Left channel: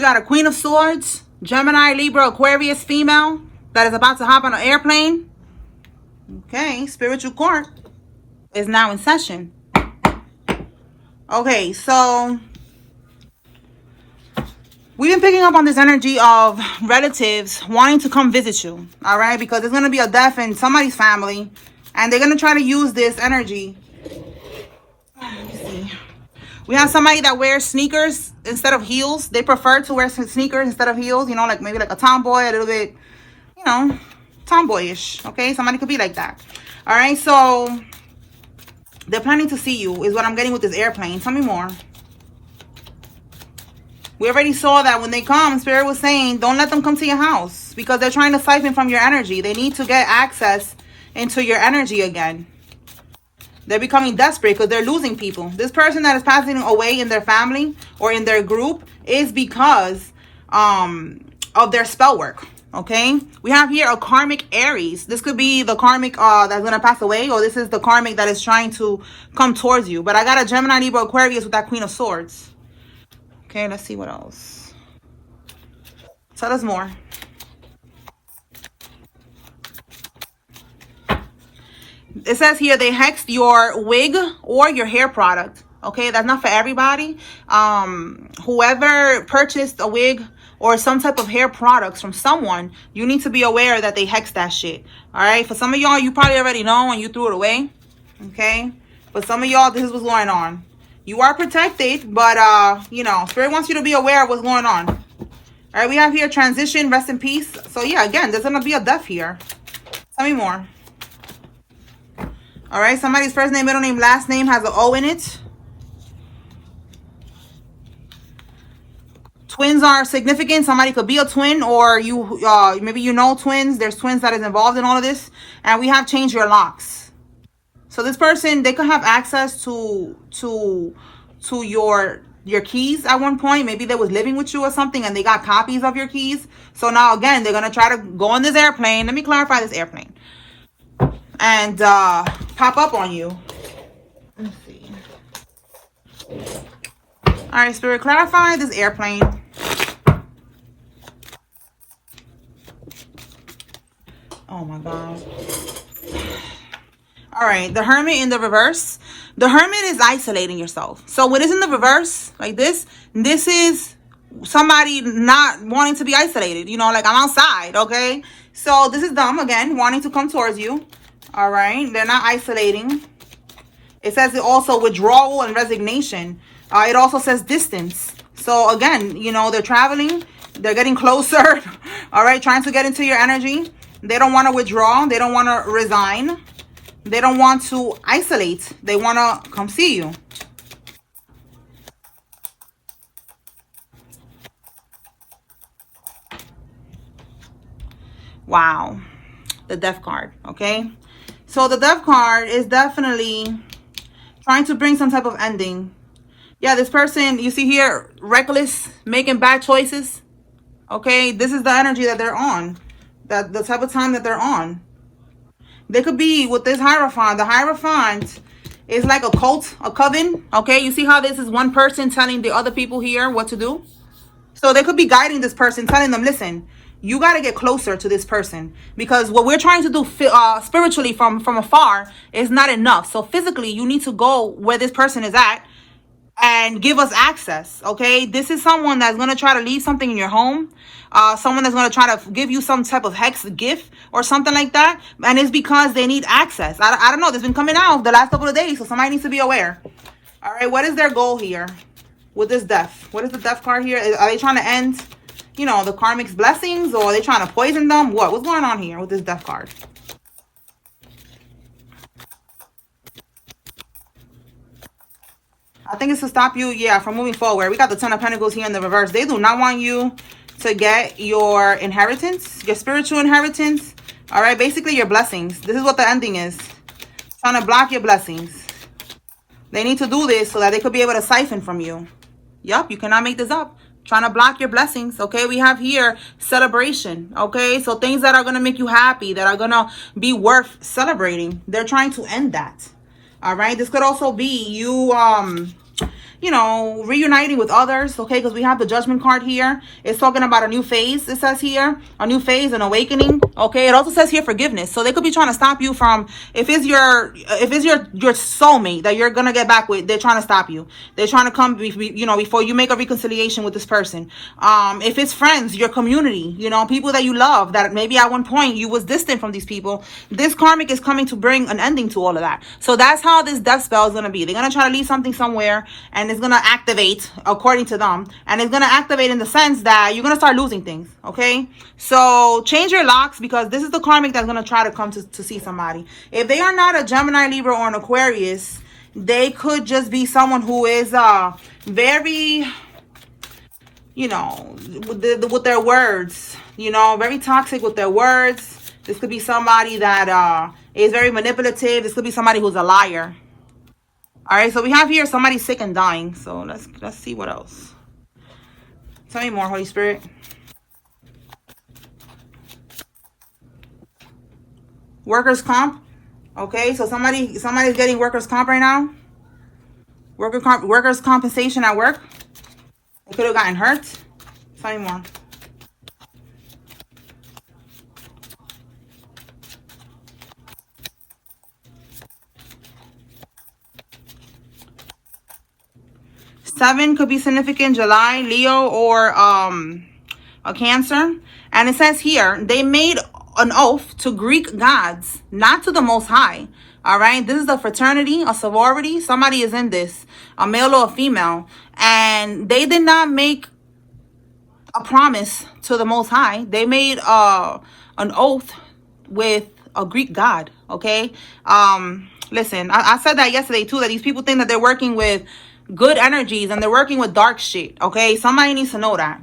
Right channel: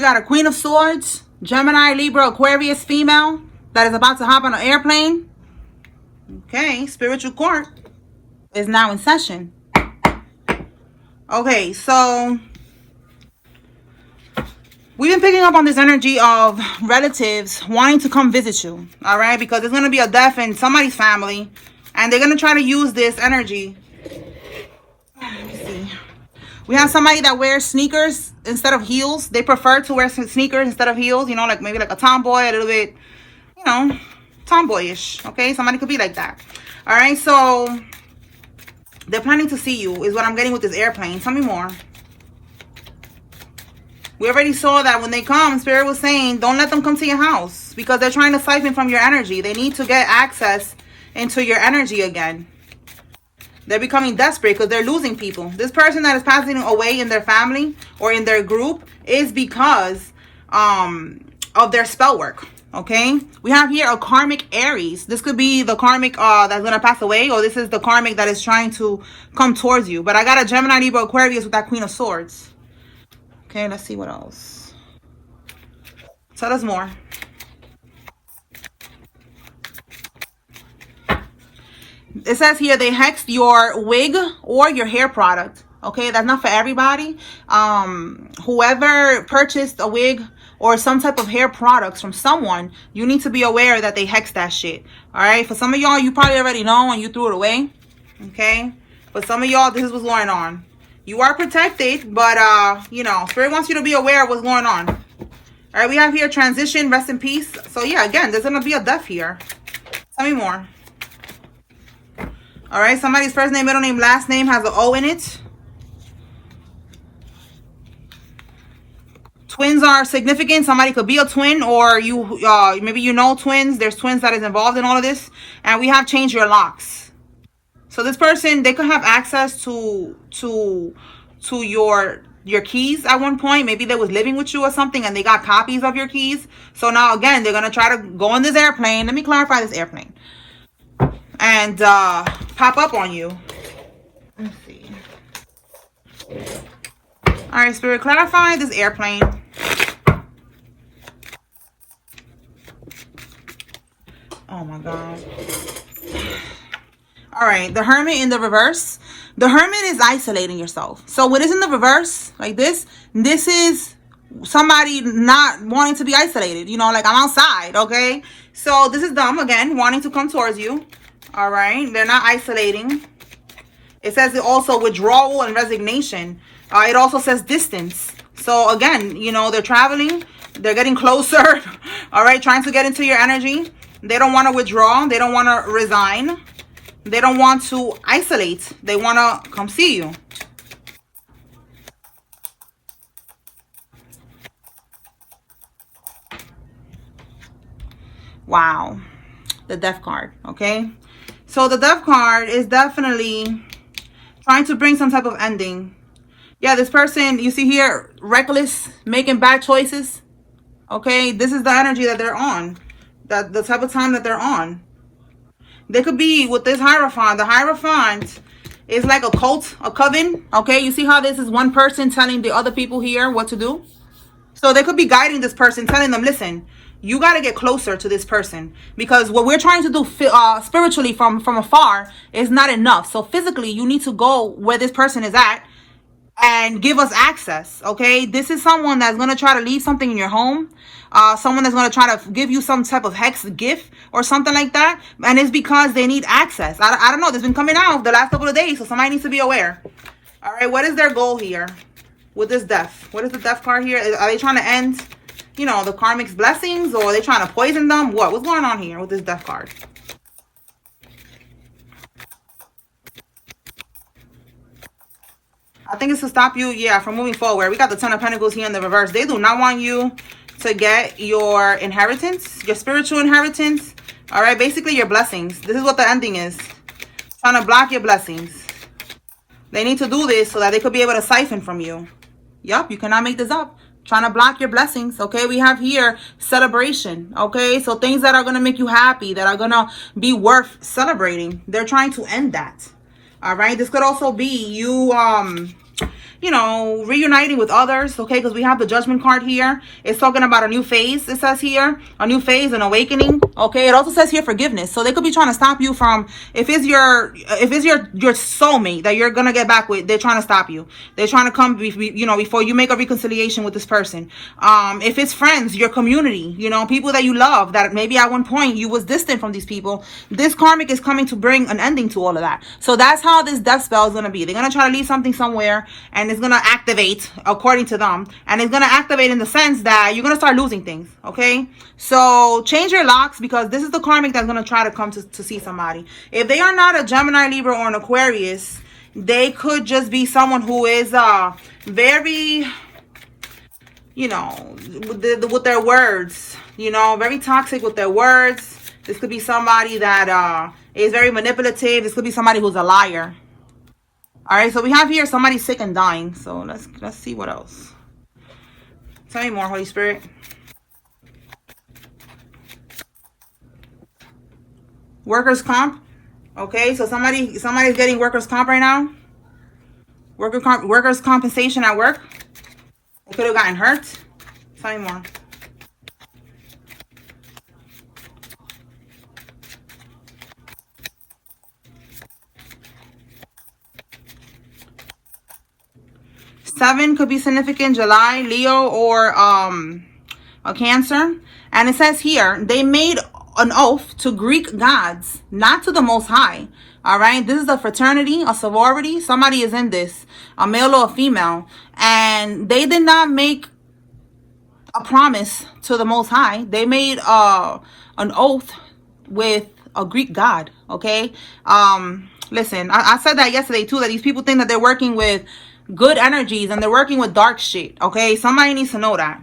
We got a Queen of Swords, Gemini, Libra, Aquarius female that is about to hop on an airplane. Okay, spiritual court is now in session. Okay, so we've been picking up on this energy of relatives wanting to come visit you, all right? Because there's going to be a death in somebody's family, and they're going to try to use this energy. Let's see. We have somebody that wears sneakers instead of heels. They prefer to wear sneakers instead of heels, you know, like maybe like a tomboy, a little bit, you know, tomboyish, okay? Somebody could be like that. All right, so they're planning to see you is what I'm getting with this airplane. Tell me more. We already saw that when they come, Spirit was saying, don't let them come to your house because they're trying to siphon from your energy. They need to get access into your energy again. They're becoming desperate because they're losing people. This person that is passing away in their family or in their group is because of their spell work. Okay, we have here a karmic Aries. This could be the karmic that's gonna pass away, or this is the karmic that is trying to come towards you. But I got a Gemini, Libra, Aquarius with that Queen of Swords. Okay, let's see what else. Tell us more. It says here they hexed your wig or your hair product. Okay, that's not for everybody. Whoever purchased a wig or some type of hair products from someone, you need to be aware that they hexed that shit. All right, for some of y'all, you probably already know and you threw it away. Okay, but some of y'all, this is what's going on. You are protected, but you know, Spirit wants you to be aware of what's going on. All right, we have here transition, rest in peace. So yeah, again, there's gonna be a death here. Tell me more. All right, somebody's first name, middle name, last name has an O in it. Twins are significant. Somebody could be a twin, or you maybe you know twins. There's twins that is involved in all of this. And we have changed your locks. So this person, they could have access to your keys at one point. Maybe they was living with you or something and they got copies of your keys. So now again, they're gonna try to go on this airplane. Let me clarify this airplane. And pop up on you. Let's see. All right, Spirit, clarify this airplane. Oh my God. All right, the Hermit in the reverse. The Hermit is isolating yourself. So when it's in the reverse, like this is somebody not wanting to be isolated. You know, like I'm outside, okay? So this is them again, wanting to come towards you. All right, they're not isolating. It says it also withdrawal and resignation. It also says distance. So again, you know, they're traveling, they're getting closer. All right, trying to get into your energy. They don't want to withdraw. They don't want to resign. They don't want to isolate. They want to come see you. Wow. The Death card, okay? So the Death card is definitely trying to bring some type of ending. Yeah, this person, you see here, reckless, making bad choices. Okay, this is the energy that they're on. The type of time that they're on. They could be with this Hierophant. The Hierophant is like a cult, a coven. Okay, you see how this is one person telling the other people here what to do? So they could be guiding this person, telling them, listen, you got to get closer to this person. Because what we're trying to do spiritually from afar is not enough. So physically, you need to go where this person is at and give us access, okay? This is someone that's going to try to leave something in your home. Someone that's going to try to give you some type of hex gift or something like that. And it's because they need access. I don't know. This has been coming out the last couple of days, so somebody needs to be aware. All right, what is their goal here with this death? What is the Death card here? Are they trying to end, you know, the Karmics' blessings, or are they trying to poison them? What's going on here with this Death card? I think it's to stop you, yeah, from moving forward. We got the Ten of Pentacles here in the reverse. They do not want you to get your inheritance, your spiritual inheritance. All right, basically your blessings. This is what the ending is. Trying to block your blessings. They need to do this so that they could be able to siphon from you. Yup, you cannot make this up. Trying to block your blessings, okay? We have here celebration, okay? So things that are going to make you happy, that are going to be worth celebrating. They're trying to end that. All right, this could also be you you know, reuniting with others, okay? Because we have the Judgment card here. It's talking about a new phase, it says here. A new phase, an awakening, okay? It also says here forgiveness. So they could be trying to stop you from, if it's your soulmate that you're going to get back with, they're trying to stop you. They're trying to come, you know, before you make a reconciliation with this person. If it's friends, your community, you know, people that you love, that maybe at one point you was distant from these people, this karmic is coming to bring an ending to all of that. So that's how this death spell is going to be. They're going to try to leave something somewhere, and it's going to activate according to them, and it's going to activate in the sense that you're going to start losing things, okay? So change your locks, because this is the karmic that's going to try to come to see somebody. If they are not a Gemini, Libra, or an Aquarius, they could just be someone who is very, you know, with their words, you know, very toxic with their words. This could be somebody that is very manipulative. This could be somebody who's a liar. All right, so we have here somebody sick and dying. So let's see what else. Tell me more, Holy Spirit. Workers' comp. Okay, so somebody's getting workers' comp right now. Workers' compensation at work. They could have gotten hurt. Tell me more. Seven could be significant, July, Leo, or a Cancer. And it says here, they made an oath to Greek gods, not to the Most High. All right, this is a fraternity, a sorority. Somebody is in this, a male or a female, and they did not make a promise to the Most High. They made an oath with a Greek god. Okay, listen, I said that yesterday too, that these people think that they're working with good energies and they're working with dark shit. Okay, somebody needs to know that.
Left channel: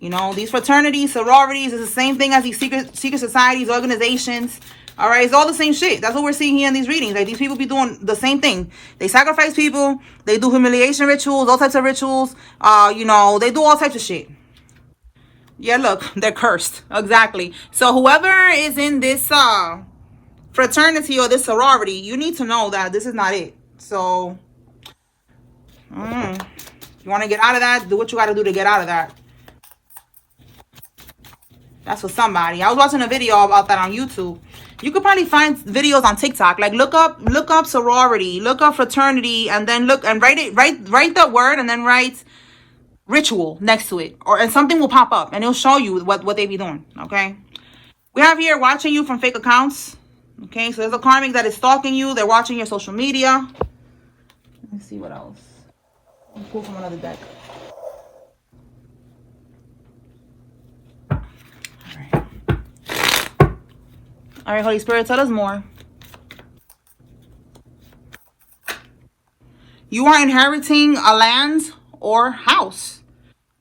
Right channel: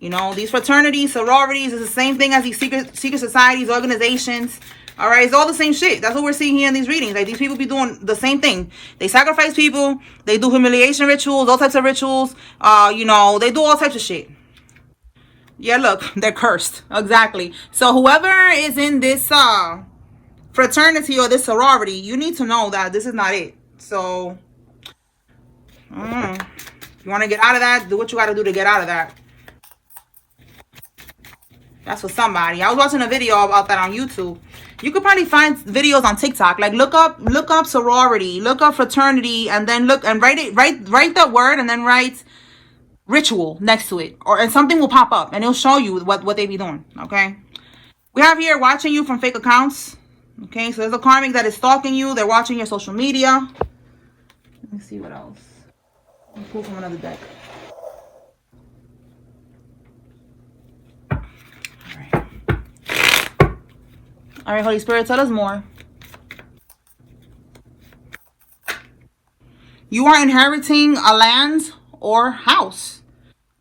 You know, these fraternities, sororities is the same thing as these secret societies, organizations. All right, it's all the same shit. That's what we're seeing here in these readings. Like, these people be doing the same thing. They sacrifice people. They do humiliation rituals, all types of rituals. You know, they do all types of shit. Yeah, look, they're cursed. Exactly. So whoever is in this fraternity or this sorority, you need to know that this is not it. So, you want to get out of that, do what you got to do to get out of that. That's for somebody. I was watching a video about that on YouTube. You could probably find videos on TikTok. Like, look up sorority, look up fraternity, and then look and write the word and then write ritual next to it, and something will pop up and it'll show you what they be doing. Okay, we have here watching you from fake accounts. Okay, so there's a karmic that is stalking you. They're watching your social media. Let me see what else. Let me pull from another deck. All right, Holy Spirit, tell us more. You are inheriting a land or house.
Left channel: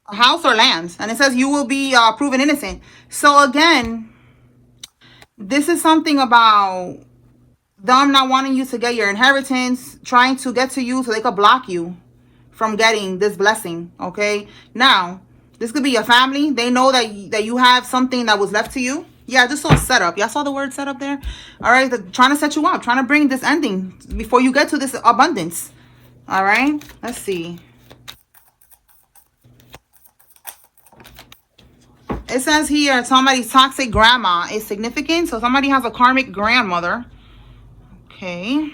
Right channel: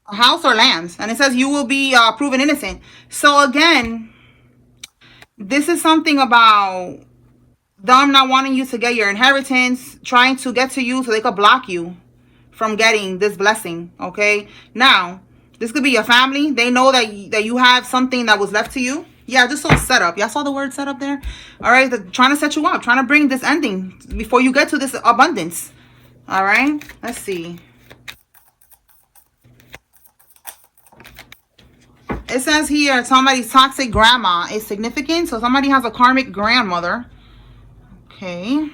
A house or land. And it says you will be proven innocent. So again, this is something about them not wanting you to get your inheritance, trying to get to you so they could block you from getting this blessing. Okay? Now, this could be your family. They know that you have something that was left to you. Yeah, I just saw setup. Y'all saw the word setup there? All right, they're trying to set you up, trying to bring this ending before you get to this abundance. All right, let's see. It says here somebody's toxic grandma is significant. So somebody has a karmic grandmother. Okay.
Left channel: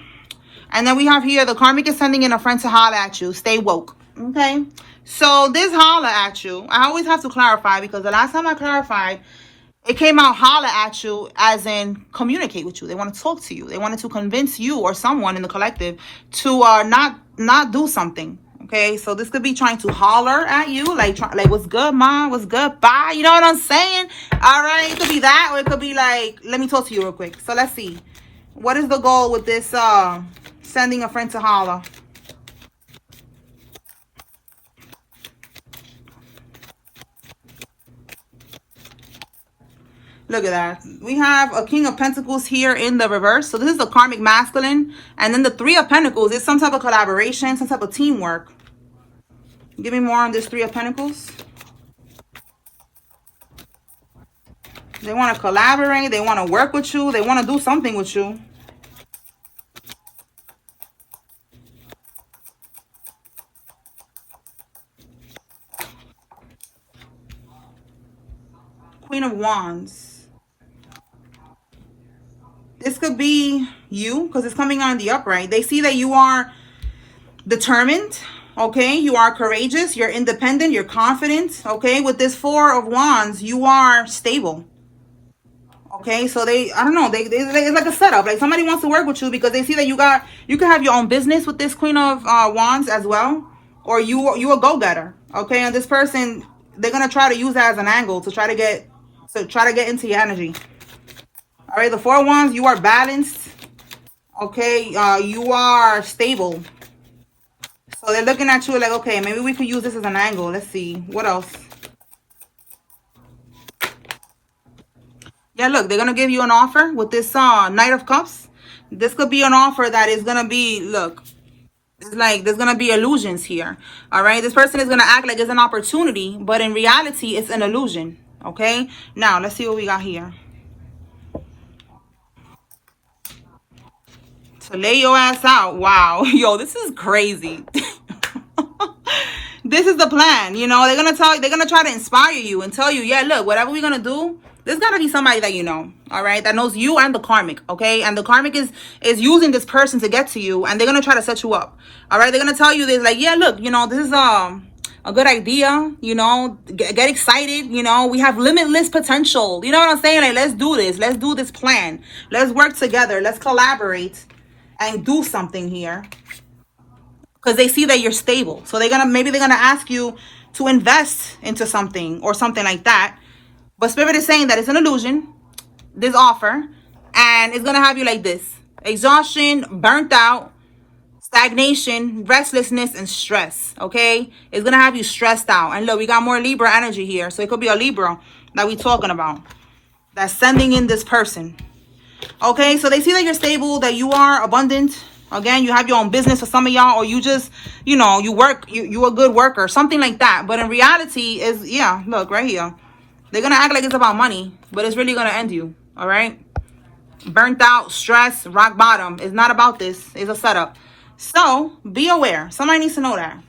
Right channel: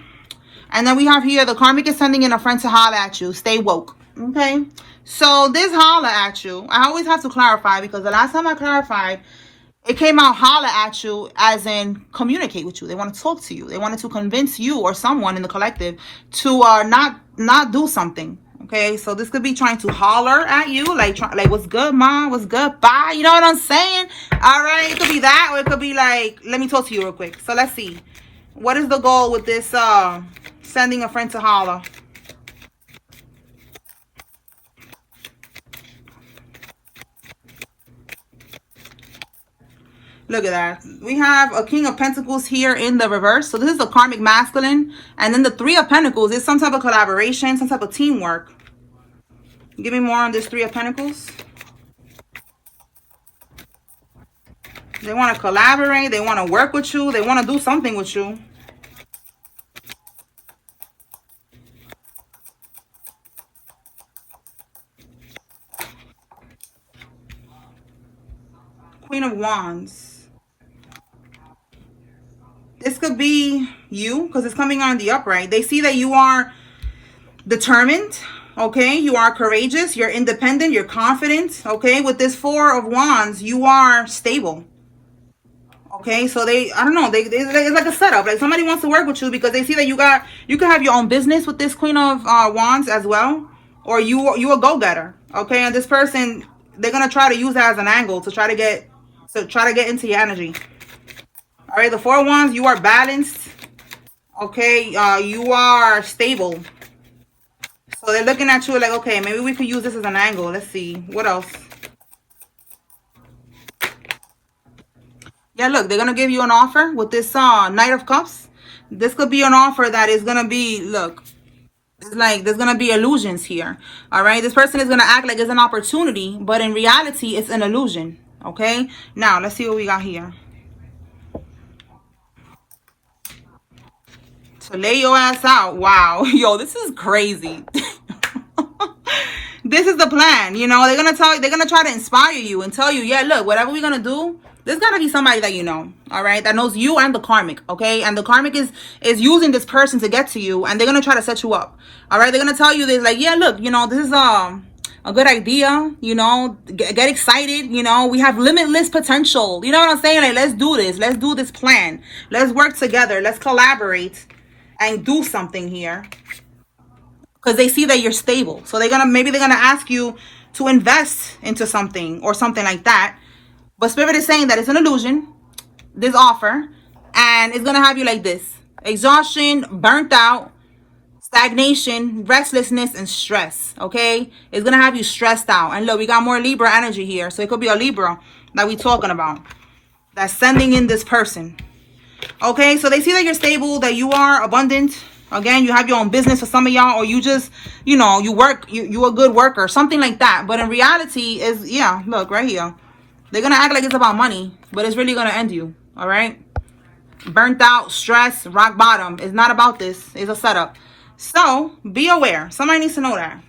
And then we have here the karmic is sending in a friend to holler at you. Stay woke. Okay. So this holler at you, I always have to clarify, because the last time I clarified, it came out holler at you as in communicate with you. They want to talk to you. They wanted to convince you or someone in the collective to not do something. Okay, so this could be trying to holler at you, like what's good, mom? What's good? Bye. You know what I'm saying? All right, it could be that, or it could be like, let me talk to you real quick. So let's see. What is the goal with this sending a friend to holler? Look at that. We have a King of Pentacles here in the reverse. So this is the karmic masculine. And then the Three of Pentacles is some type of collaboration, some type of teamwork. Give me more on this Three of Pentacles. They want to collaborate. They want to work with you. They want to do something with you. Wands. This could be you because it's coming on the upright. They see that you are determined, okay? You are courageous, you're independent, you're confident, okay? With this Four of Wands, you are stable. Okay, so I don't know, it's like a setup. Like somebody wants to work with you because they see that you can have your own business with this Queen of Wands as well, or you a go-getter. Okay, and this person, they're gonna try to use that as an angle to try to get into your energy. All right, the Four of Wands, you are balanced. Okay, you are stable. So they're looking at you like, okay, maybe we could use this as an angle. Let's see what else. Yeah, look, they're going to give you an offer with this Knight of Cups. This could be an offer that is going to be, look, it's like there's going to be illusions here. All right, this person is going to act like it's an opportunity, but in reality, it's an illusion. Okay, now let's see what we got here. So lay your ass out. Wow. Yo, this is crazy. This is the plan. You know, they're going to try to inspire you and tell you, yeah, look, whatever we're going to do, there's got to be somebody that you know, all right, that knows you and the karmic, okay? And the karmic is using this person to get to you, and they're going to try to set you up, all right? They're going to tell you, they're like, yeah, look, you know, this is a good idea, you know, get excited, you know, we have limitless potential. You know what I'm saying? Like, let's do this. Let's do this plan. Let's work together. Let's collaborate and do something here. Because they see that you're stable. So maybe they're gonna ask you to invest into something or something like that. But Spirit is saying that it's an illusion, this offer, and it's gonna have you like this: exhaustion, burnt out, stagnation, restlessness, and stress. Okay, it's gonna have you stressed out. And look, we got more Libra energy here, so it could be a Libra that we're talking about that's sending in this person. Okay, so they see that you're stable, that you are abundant. Again, you have your own business for some of y'all, or you just, you know, you work, you're a good worker, something like that. But in reality is, yeah, look right here. They're going to act like it's about money, but it's really going to end you, all right? Burnt out, stress, rock bottom. It's not about this. It's a setup. So, be aware. Somebody needs to know that.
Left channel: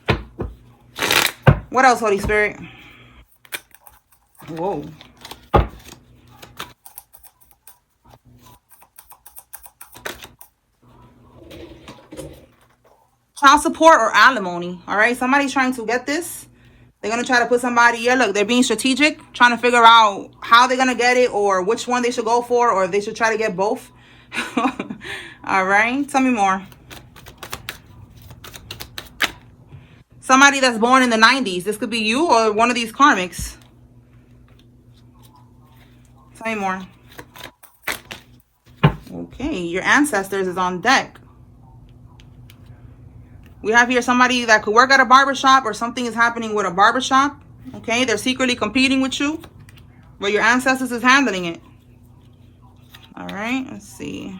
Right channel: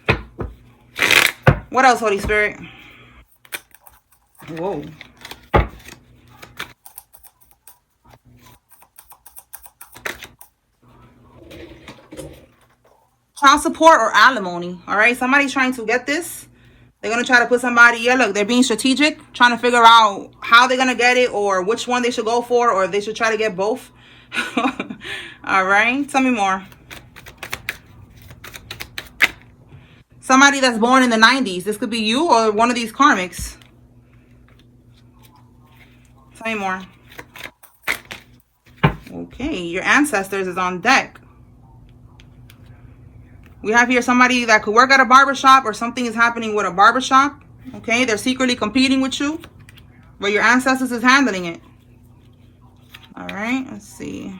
What else, Holy Spirit? Whoa. Child support or alimony, all right? Somebody's trying to get this. They're going to try to put somebody, yeah, look, they're being strategic, trying to figure out how they're going to get it or which one they should go for, or if they should try to get both. All right, tell me more. Somebody that's born in the 90s. This could be you or one of these karmics. Tell me more. Okay, your ancestors is on deck. We have here somebody that could work at a barbershop, or something is happening with a barbershop. Okay, they're secretly competing with you, but your ancestors is handling it. All right, let's see.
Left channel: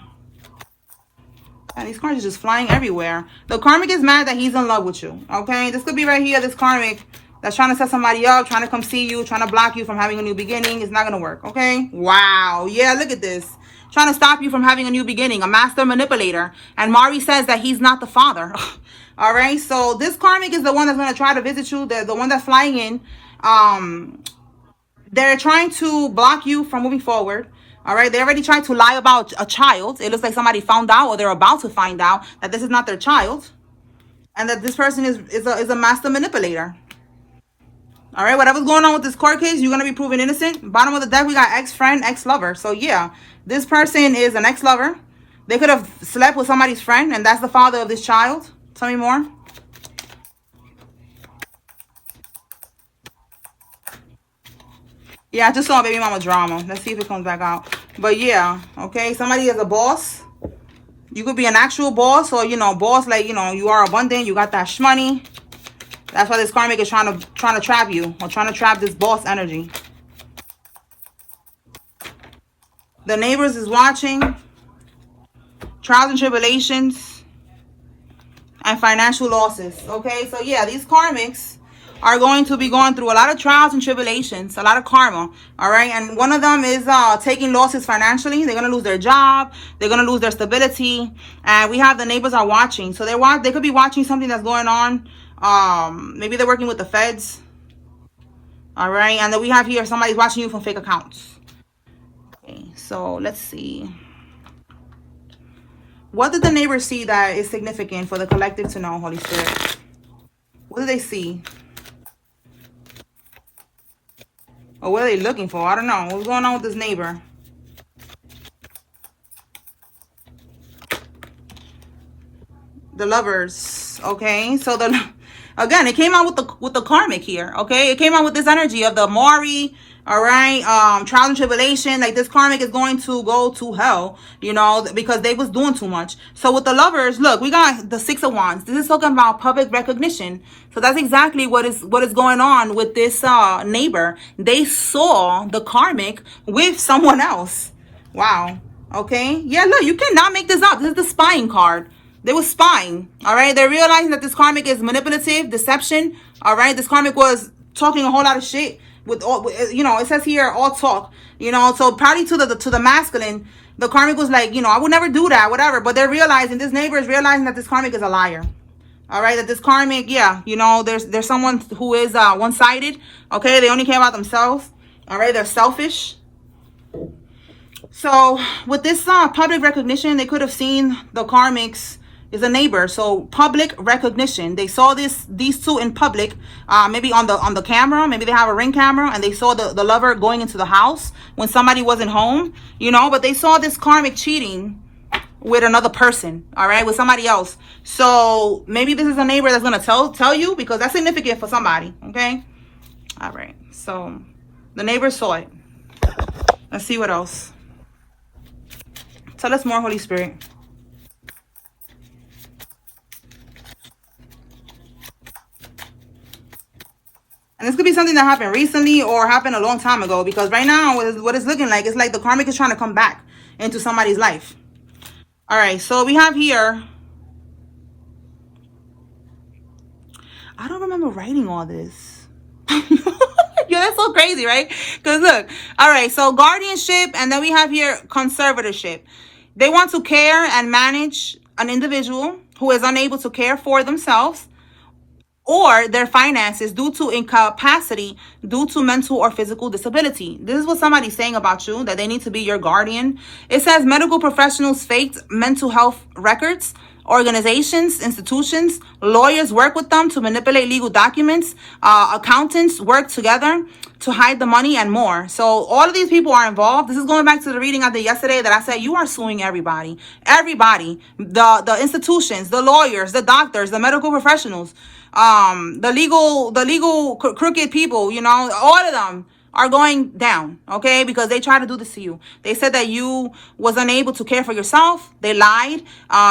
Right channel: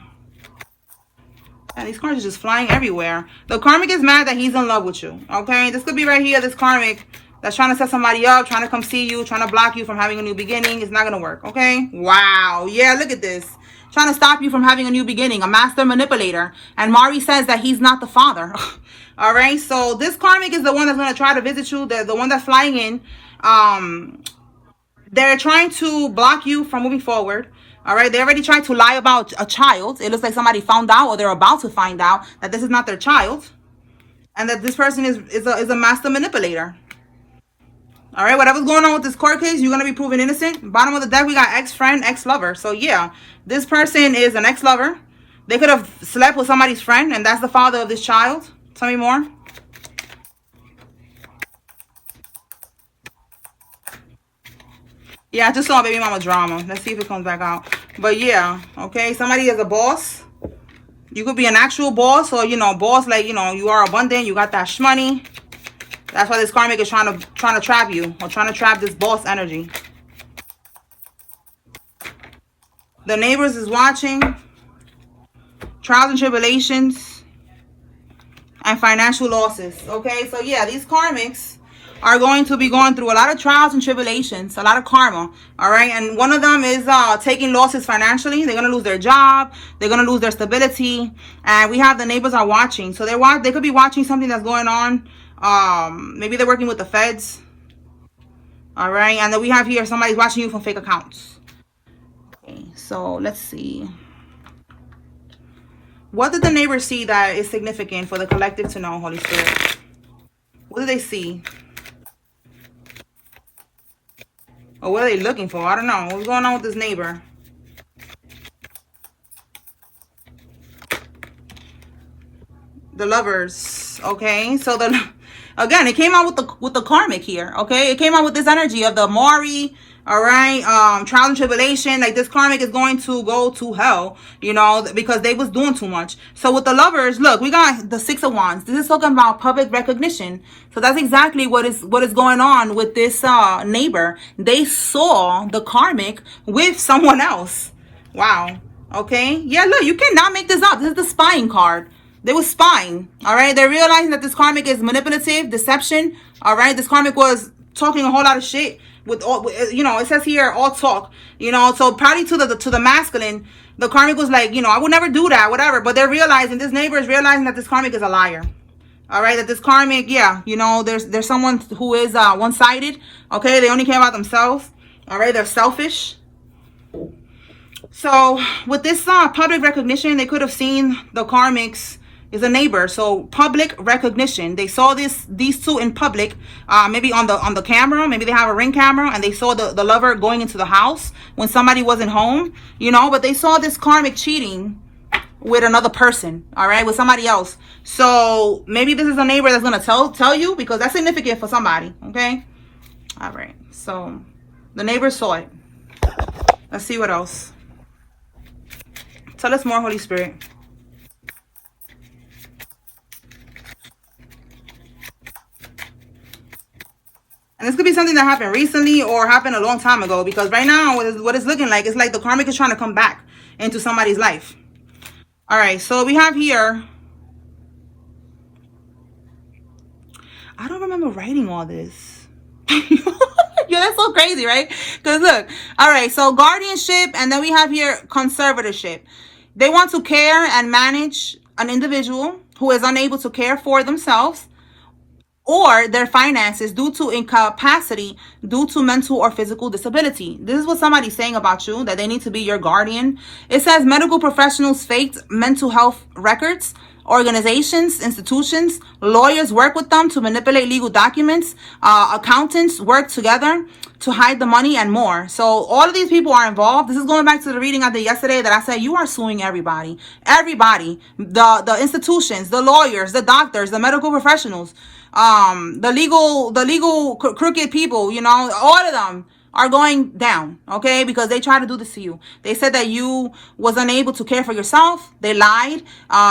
Yeah, these cards are just flying everywhere. The karmic is mad that he's in love with you. Okay, this could be right here, this karmic that's trying to set somebody up, trying to come see you, trying to block you from having a new beginning. It's not going to work, okay? Wow, yeah, look at this. Trying to stop you from having a new beginning, a master manipulator. And Mari says that he's not the father. All right, so this karmic is the one that's going to try to visit you, the one that's flying in. They're trying to block you from moving forward. All right, they already tried to lie about a child. It looks like somebody found out, or they're about to find out, that this is not their child, and that this person is a master manipulator. All right, whatever's going on with this court case, you're going to be proven innocent. Bottom of the deck, we got ex-friend, ex-lover. So yeah, this person is an ex-lover. They could have slept with somebody's friend, and that's the father of this child. Tell me more. Yeah, I just saw baby mama drama. Let's see if it comes back out. But yeah, okay, somebody is a boss. You could be an actual boss, or, you know, boss, like, you know, you are abundant, you got that money. That's why this karmic is trying to trap you, or trying to trap this boss energy. The neighbors is watching. Trials and tribulations and financial losses. Okay, so yeah, these karmics are going to be going through a lot of trials and tribulations, a lot of karma. All right, and one of them is taking losses financially. They're going to lose their job. They're going to lose their stability. And we have the neighbors are watching. So they could be watching something that's going on. Maybe they're working with the feds. All right, and then we have here somebody's watching you from fake accounts. So let's see. What did the neighbors see that is significant for the collective to know, Holy Spirit? What do they see? Or what are they looking for? I don't know. What's going on with this neighbor? The Lovers. Okay, so again, it came out with the karmic here. Okay, it came out with this energy of the Maury. All right, trial and tribulation. Like, this karmic is going to go to hell, you know, because they was doing too much. So with the Lovers, look, we got the Six of Wands. This is talking about public recognition. So that's exactly what is going on with this neighbor. They saw the karmic with someone else. Wow. Okay. Yeah. Look, you cannot make this up. This is the spying card. They were spying. All right. They're realizing that this karmic is manipulative, deception. All right. This karmic was talking a whole lot of shit. With all, you know, it says here all talk, you know, so probably to the masculine, the karmic was like, you know, I would never do that, whatever. But they're realizing, this neighbor is realizing that this karmic is a liar. All right, that this karmic, yeah, you know, there's someone who is one-sided. Okay, they only care about themselves. All right, they're selfish. So with this public recognition, they could have seen the karmics is a neighbor. So public recognition, they saw these two in public, maybe on the camera, maybe they have a ring camera, and they saw the lover going into the house when somebody wasn't home, you know, but they saw this karmic cheating with another person, all right, with somebody else. So maybe this is a neighbor that's going to tell you, because that's significant for somebody. Okay, all right, so the neighbor saw it. Let's see what else. Tell us more, Holy Spirit. And this could be something that happened recently or happened a long time ago, because right now what it's looking like, it's like the karmic is trying to come back into somebody's life. All right, so we have here, I don't remember writing all this. Yeah, that's so crazy, right? Because look, all right, so guardianship, and then we have here conservatorship. They want to care and manage an individual who is unable to care for themselves or their finances due to incapacity, due to mental or physical disability. This is what somebody's saying about you, that they need to be your guardian. It says medical professionals faked mental health records. Organizations, institutions, lawyers work with them to manipulate legal documents. Accountants work together to hide the money and more. So all of these people are involved. This is going back to the reading I did yesterday that I said you are suing everybody. Everybody. The institutions, the lawyers, the doctors, the medical professionals, the legal crooked people, you know, all of them are going down, okay, because they tried to do this to you. They said that you was unable to care for yourself. They lied.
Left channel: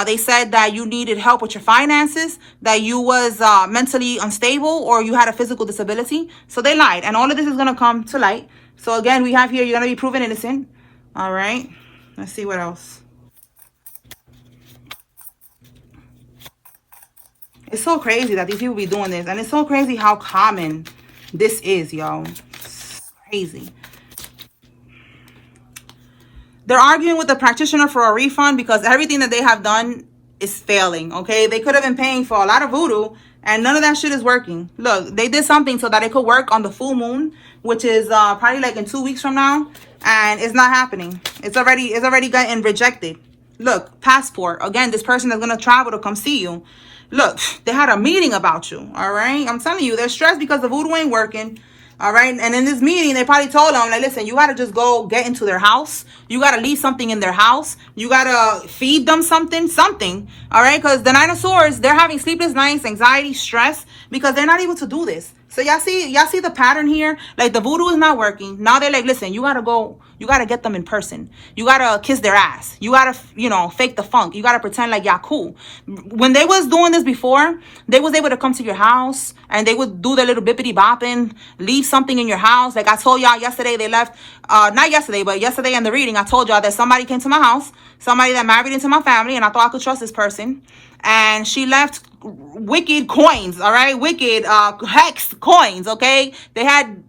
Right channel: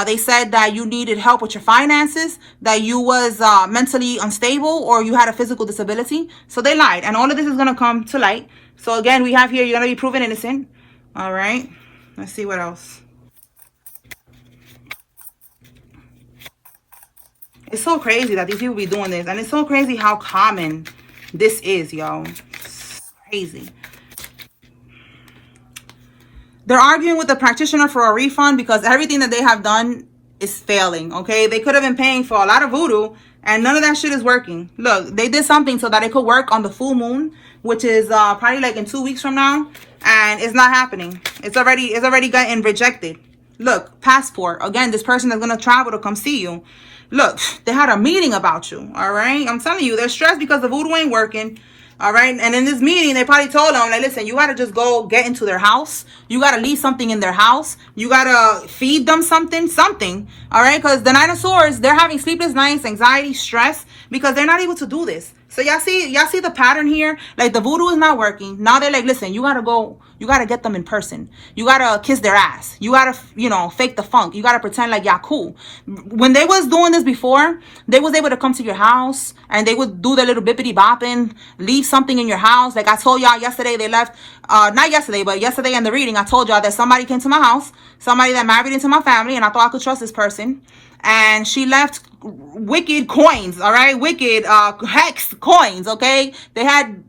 They said that you needed help with your finances, that you was mentally unstable, or you had a physical disability. So they lied, and all of this is going to come to light. So again, we have here, you're going to be proven innocent. All right, let's see what else. It's so crazy that these people be doing this, and it's so crazy how common this is, yo. Crazy. They're arguing with the practitioner for a refund because everything that they have done is failing. Okay, they could have been paying for a lot of voodoo and none of that shit is working. Look, they did something so that it could work on the full moon, which is probably like in 2 weeks from now, and it's not happening. It's already getting rejected. Look, passport. Again, this person is gonna travel to come see you. Look, they had a meeting about you. All right, I'm telling you, they're stressed because the voodoo ain't working. All right. And in this meeting, they probably told them, like, listen, you got to just go get into their house. You got to leave something in their house. You got to feed them something. All right. Because the Nine of Swords, they're having sleepless nights, anxiety, stress, because they're not able to do this. So y'all see the pattern here? Like, the voodoo is not working. Now they're like, listen, you got to go. You got to get them in person. You got to kiss their ass. You got to, you know, fake the funk. You got to pretend like y'all cool. When they was doing this before, they was able to come to your house and they would do the little bippity bopping, leave something in your house. Like I told y'all yesterday, they left, not yesterday, but yesterday in the reading, I told y'all that somebody came to my house, somebody that married into my family, and I thought I could trust this person. And she left wicked coins, all right, wicked hex coins, okay. They had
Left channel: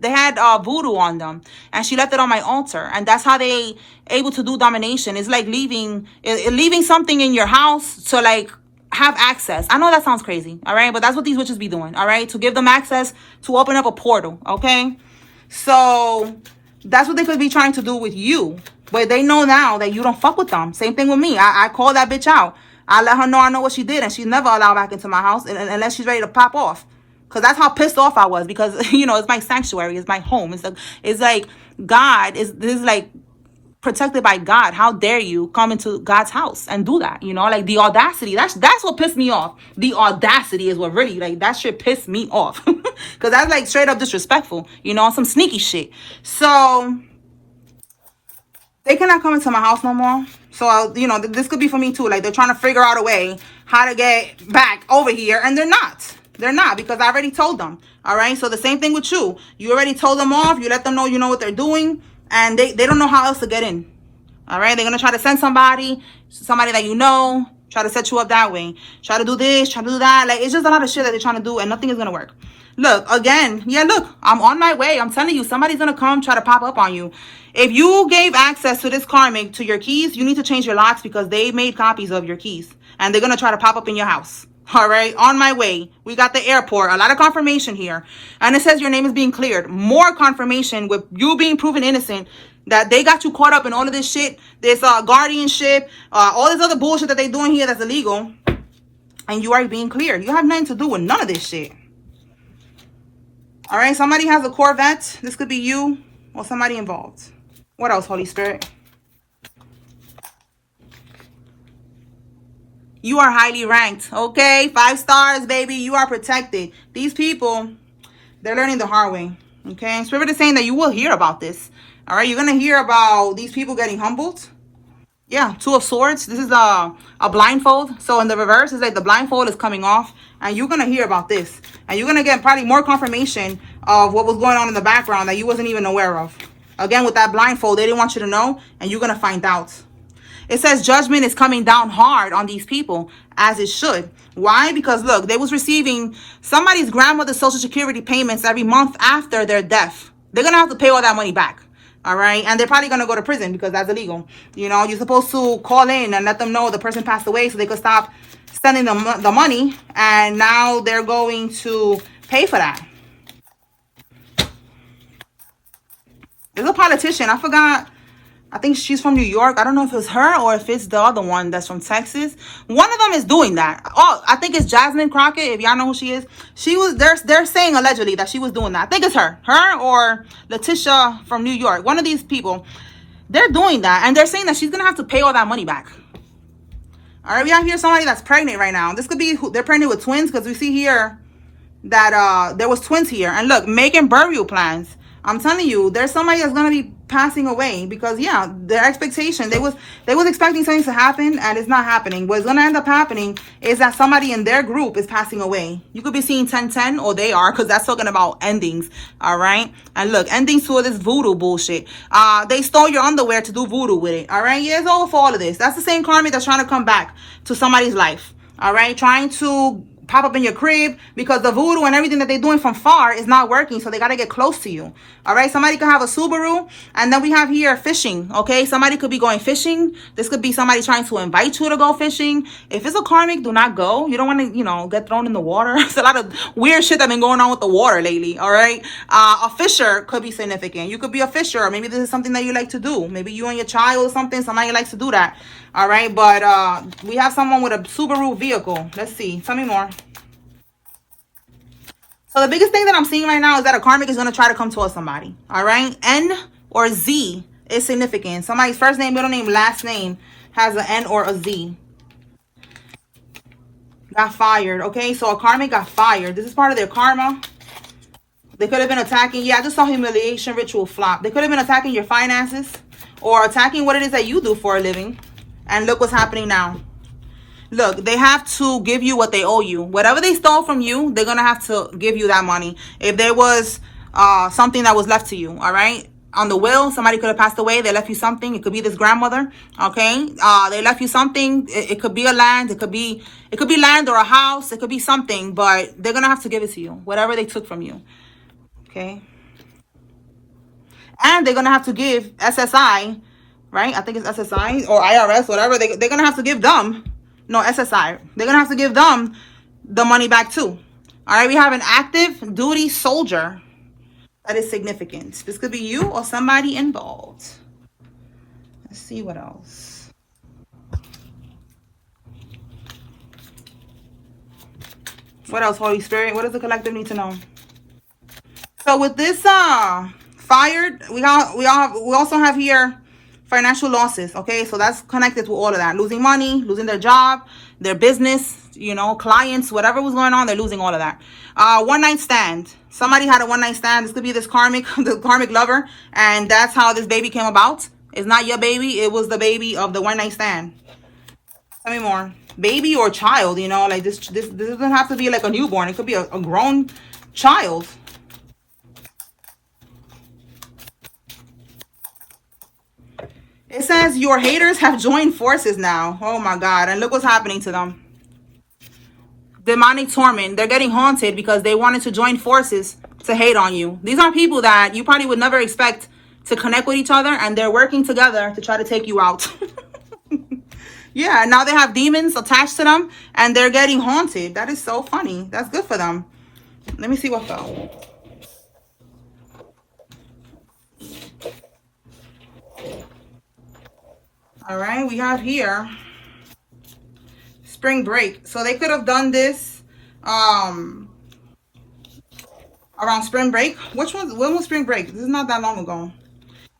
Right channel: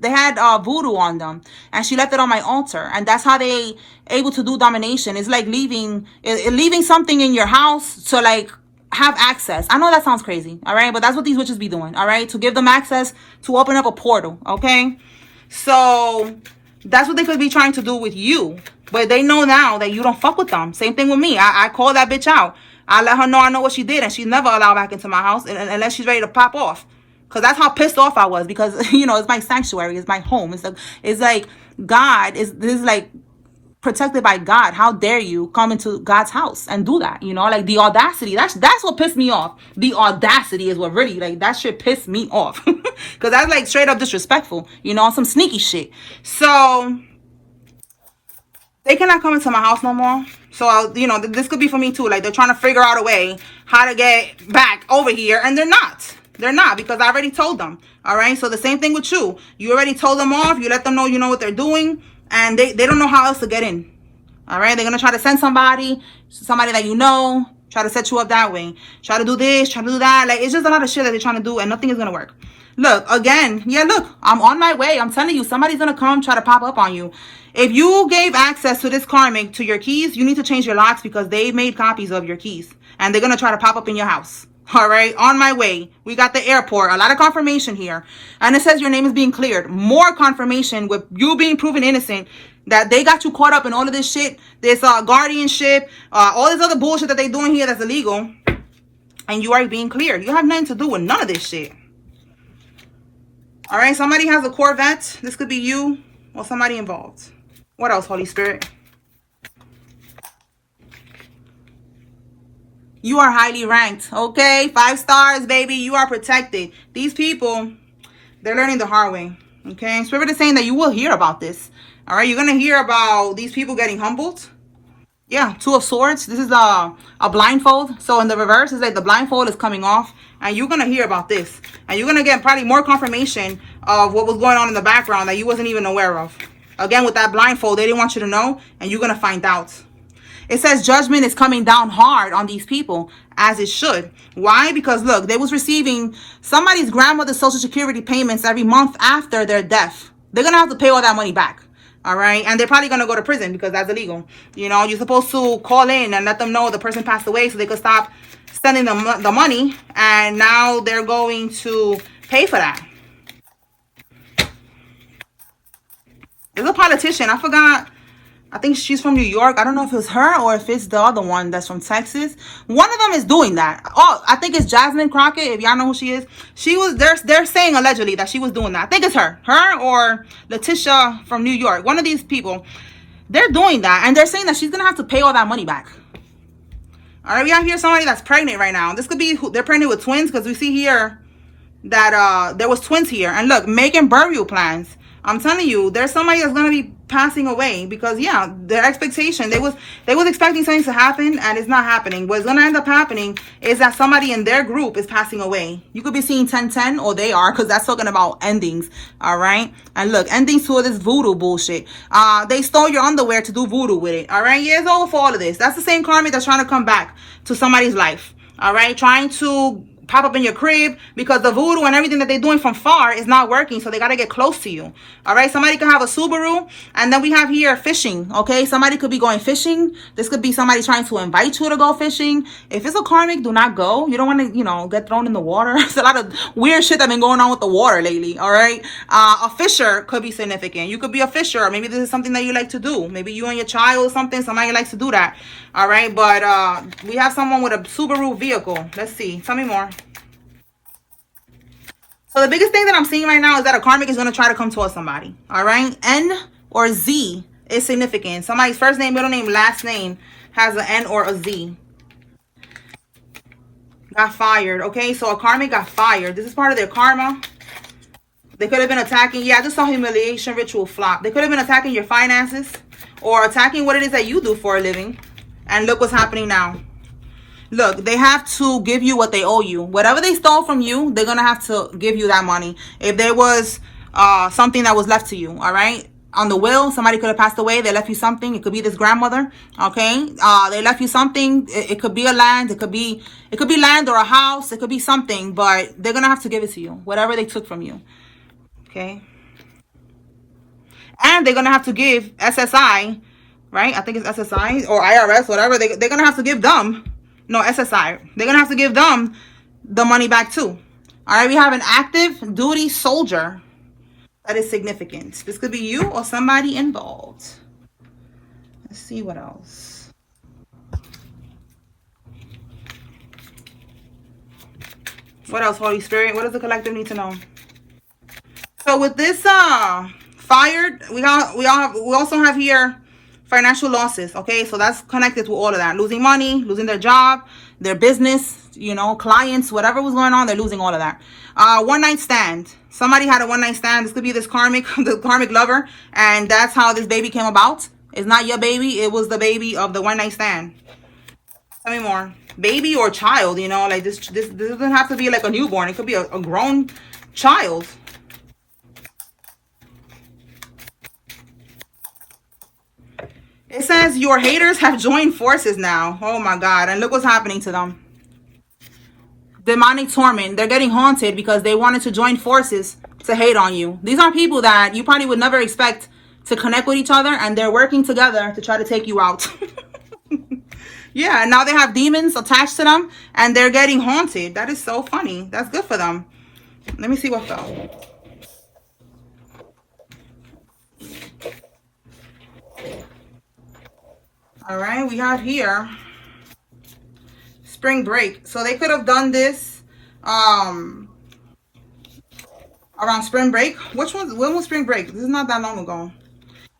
voodoo on them, and she left it on my altar, and that's how they able to do domination. It's like leaving something in your house to like have access. I know that sounds crazy, all right, but that's what these witches be doing, all right, to give them access to open up a portal, okay. So that's what they could be trying to do with you But they know now that you don't fuck with them. Same thing with me. I call that bitch out. I let her know I know what she did, and she's never allowed back into my house unless she's ready to pop off. Because that's how pissed off I was. Because, you know, it's my sanctuary. It's my home. It's like God. This is like protected by God. How dare you come into God's house and do that? You know, like the audacity. That's what pissed me off. The audacity is what really, like, that shit pissed me off. Because that's like straight up disrespectful. You know, some sneaky shit. So they cannot come into my house no more. So, you know, this could be for me too. Like, they're trying to figure out a way how to get back over here. And they're not. They're not, because I already told them. All right. So the same thing with you. You already told them off. You let them know you know what they're doing. And they don't know how else to get in. All right. They're going to try to send somebody that you know. Try to set you up that way. Try to do this. Try to do that. Like, it's just a lot of shit that they're trying to do. And nothing is going to work. Look, again. Yeah, look. I'm on my way. I'm telling you. Somebody's going to come try to pop up on you. If you gave access to this karmic to your keys, you need to change your locks because they made copies of your keys. And they're going to try to pop up in your house. All right. On my way. We got the airport. A lot of confirmation here. And it says your name is being cleared. More confirmation with you being proven innocent. That they got you caught up in all of this shit. This guardianship. All this other bullshit that they're doing here that's illegal. And you are being cleared. You have nothing to do with none of this shit. All right. Somebody has a Corvette. This could be you or somebody involved. What else, Holy Spirit? You are highly ranked, okay? 5 stars, baby. You are protected. These people, they're learning the hard way, okay? Spirit is saying that you will hear about this, all right? You're going to hear about these people getting humbled. Yeah, 2 of Swords. This is a blindfold. So in the reverse, it's like the blindfold is coming off. And you're going to hear about this. And you're going to get probably more confirmation of what was going on in the background that you wasn't even aware of. Again, with that blindfold, they didn't want you to know, and you're going to find out. It says judgment is coming down hard on these people, as it should. Why? Because, look, they was receiving somebody's grandmother's Social Security payments every month after their death. They're going to have to pay all that money back. All right? And they're probably going to go to prison because that's illegal. You know, you're supposed to call in and let them know the person passed away so they could stop sending them the money. And now they're going to pay for that. There's a politician. I forgot. I think she's from New York. I don't know if it's her or if it's the other one that's from Texas. One of them is doing that. Oh, I think it's Jasmine Crockett. If y'all know who she is. She was, they're saying allegedly that she was doing that. I think it's her. Her or Letitia from New York. One of these people. They're doing that. And they're saying that she's going to have to pay all that money back. All right, we have here somebody that's pregnant right now. This could be, they're pregnant with twins because we see here that there was twins here. And look, making burial plans. I'm telling you, there's somebody that's going to be passing away because, yeah, their expectation, they was expecting something to happen and it's not happening. What's going to end up happening is that somebody in their group is passing away. You could be seeing 1010 or they are because that's talking about endings. All right. And look, endings to this voodoo bullshit. They stole your underwear to do voodoo with it. All right. Yeah, it's over for all of this. That's the same karmic that's trying to come back to somebody's life. All right. Trying to pop up in your crib because the voodoo and everything that they're doing from far is not working. So they got to get close to you. All right. Somebody could have a Subaru. And then we have here fishing. Okay. Somebody could be going fishing. This could be somebody trying to invite you to go fishing. If it's a karmic, do not go. You don't want to, you know, get thrown in the water. It's a lot of weird shit that's been going on with the water lately. All right. A fisher could be significant. You could be a fisher. Or maybe this is something that you like to do. Maybe you and your child or something. Somebody likes to do that. All right. But we have someone with a Subaru vehicle. Let's see. Tell me more. So the biggest thing that I'm seeing right now is that a karmic is going to try to come towards somebody. All right. N or Z is significant. Somebody's first name, middle name, last name has an N or a Z. Got fired. Okay. So a karmic got fired. This is part of their karma. They could have been attacking. Yeah, I just saw humiliation ritual flop. They could have been attacking your finances or attacking what it is that you do for a living. And look what's happening now. Look, they have to give you what they owe you. Whatever they stole from you, they're going to have to give you that money. If there was something that was left to you, all right? On the will, somebody could have passed away. They left you something. It could be this grandmother, okay? They left you something. It could be a land. It could be land or a house. It could be something, but they're going to have to give it to you. Whatever they took from you, okay? And they're going to have to give SSI, right? I think it's SSI or IRS, whatever. They're going to have to give them. No, SSI. They're going to have to give them the money back too. All right, we have an active duty soldier. That is significant. This could be you or somebody involved. Let's see what else. What else, Holy Spirit? What does the collective need to know? So with this fired, we also have here financial losses. Okay, so that's connected to all of that. Losing money, losing their job, their business, you know, clients, whatever was going on, they're losing all of that. One night stand. Somebody had a one night stand. This could be this the karmic lover, and that's how this baby came about. It's not your baby, it was the baby of the one night stand. Tell me more. Baby or child, you know, like this doesn't have to be like a newborn. It could be a grown child. It says your haters have joined forces now. Oh my God. And look what's happening to them. Demonic torment. They're getting haunted because they wanted to join forces to hate on you. These are people that you probably would never expect to connect with each other, and they're working together to try to take you out. Yeah, now they have demons attached to them, and they're getting haunted. That is so funny. That's good for them. Let me see what though. All right, we have here spring break. So they could have done this around spring break. When was spring break? This is not that long ago.